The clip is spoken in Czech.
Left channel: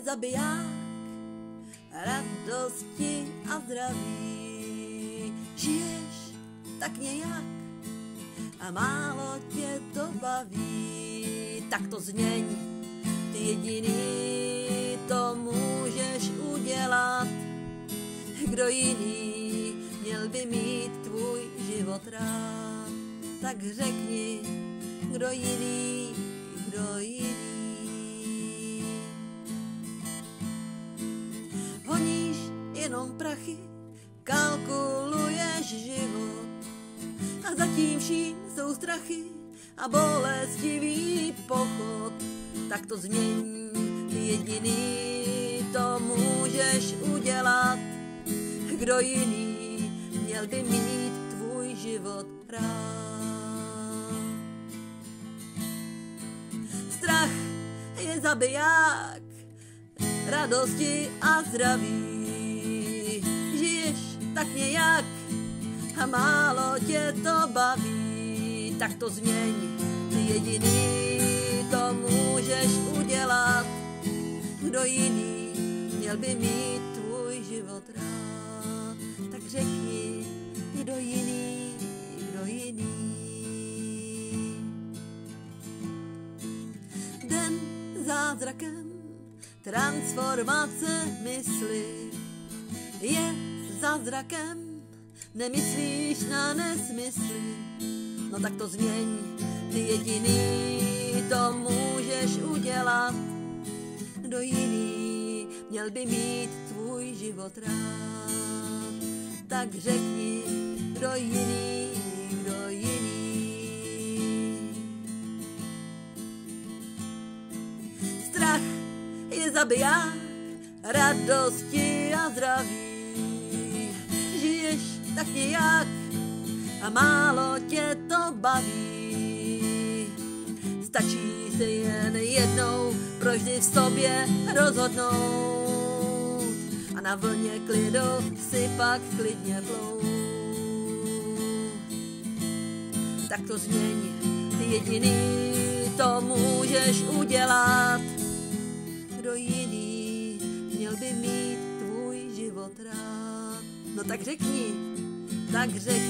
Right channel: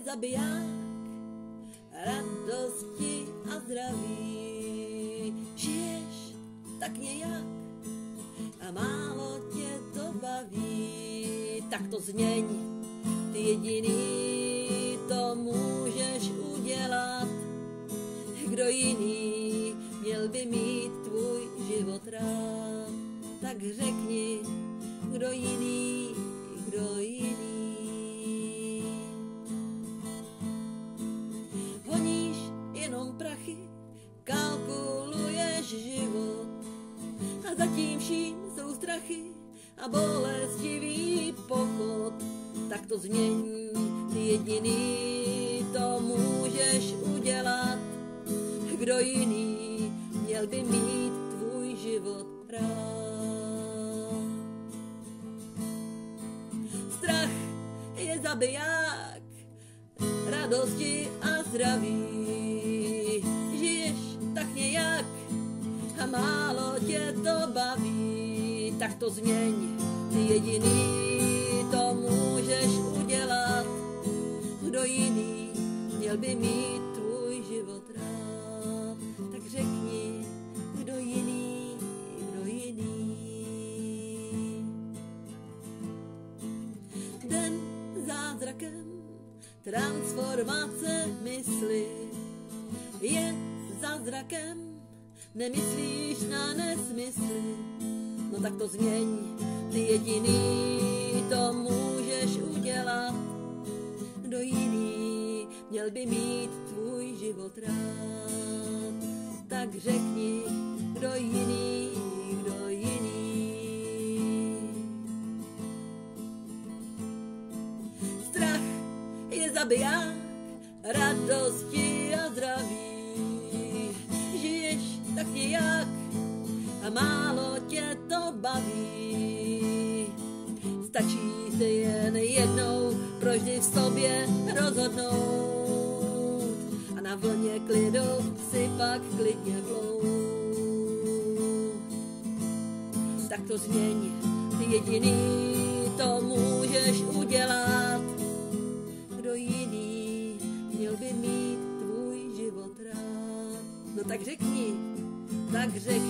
je zabiják radosti a zdraví. Žiješ tak nějak a málo tě to baví, tak to změň, ty jediný to můžeš udělat. Kdo jiný měl by mít tvůj život rád, tak řekni, kdo jiný, kdo jiný. Honíš jenom prachy, kalkuluješ život a zatím vším jsou strachy a bolestivý pochod. Tak to změň, ty jediný to můžeš udělat. Kdo jiný měl by mít tvůj život rád. Strach je zabiják radosti a zdraví. Žiješ tak nějak a málo tě to baví, tak to změň, ty jediný to můžeš udělat. Kdo jiný měl by mít tvůj život rád, tak řekni, kdo jiný, kdo jiný. Den zázrakem transformace mysli je zázrakem, nemyslíš na nesmysly. No tak to změň, ty jediný to můžeš udělat. Kdo jiný měl by mít tvůj život rád, tak řekni, kdo jiný, kdo jiný. Strach je zabiják radosti a zdraví. Žiješ tak nějak a málo tě to baví. Stačí se jen jednou provždy v sobě rozhodnout a na vlně klidu si pak klidně plout. Tak to změň, ty jediný to můžeš udělat. Kdo jiný měl by mít tvůj život rád, no tak řekni, tak řekni.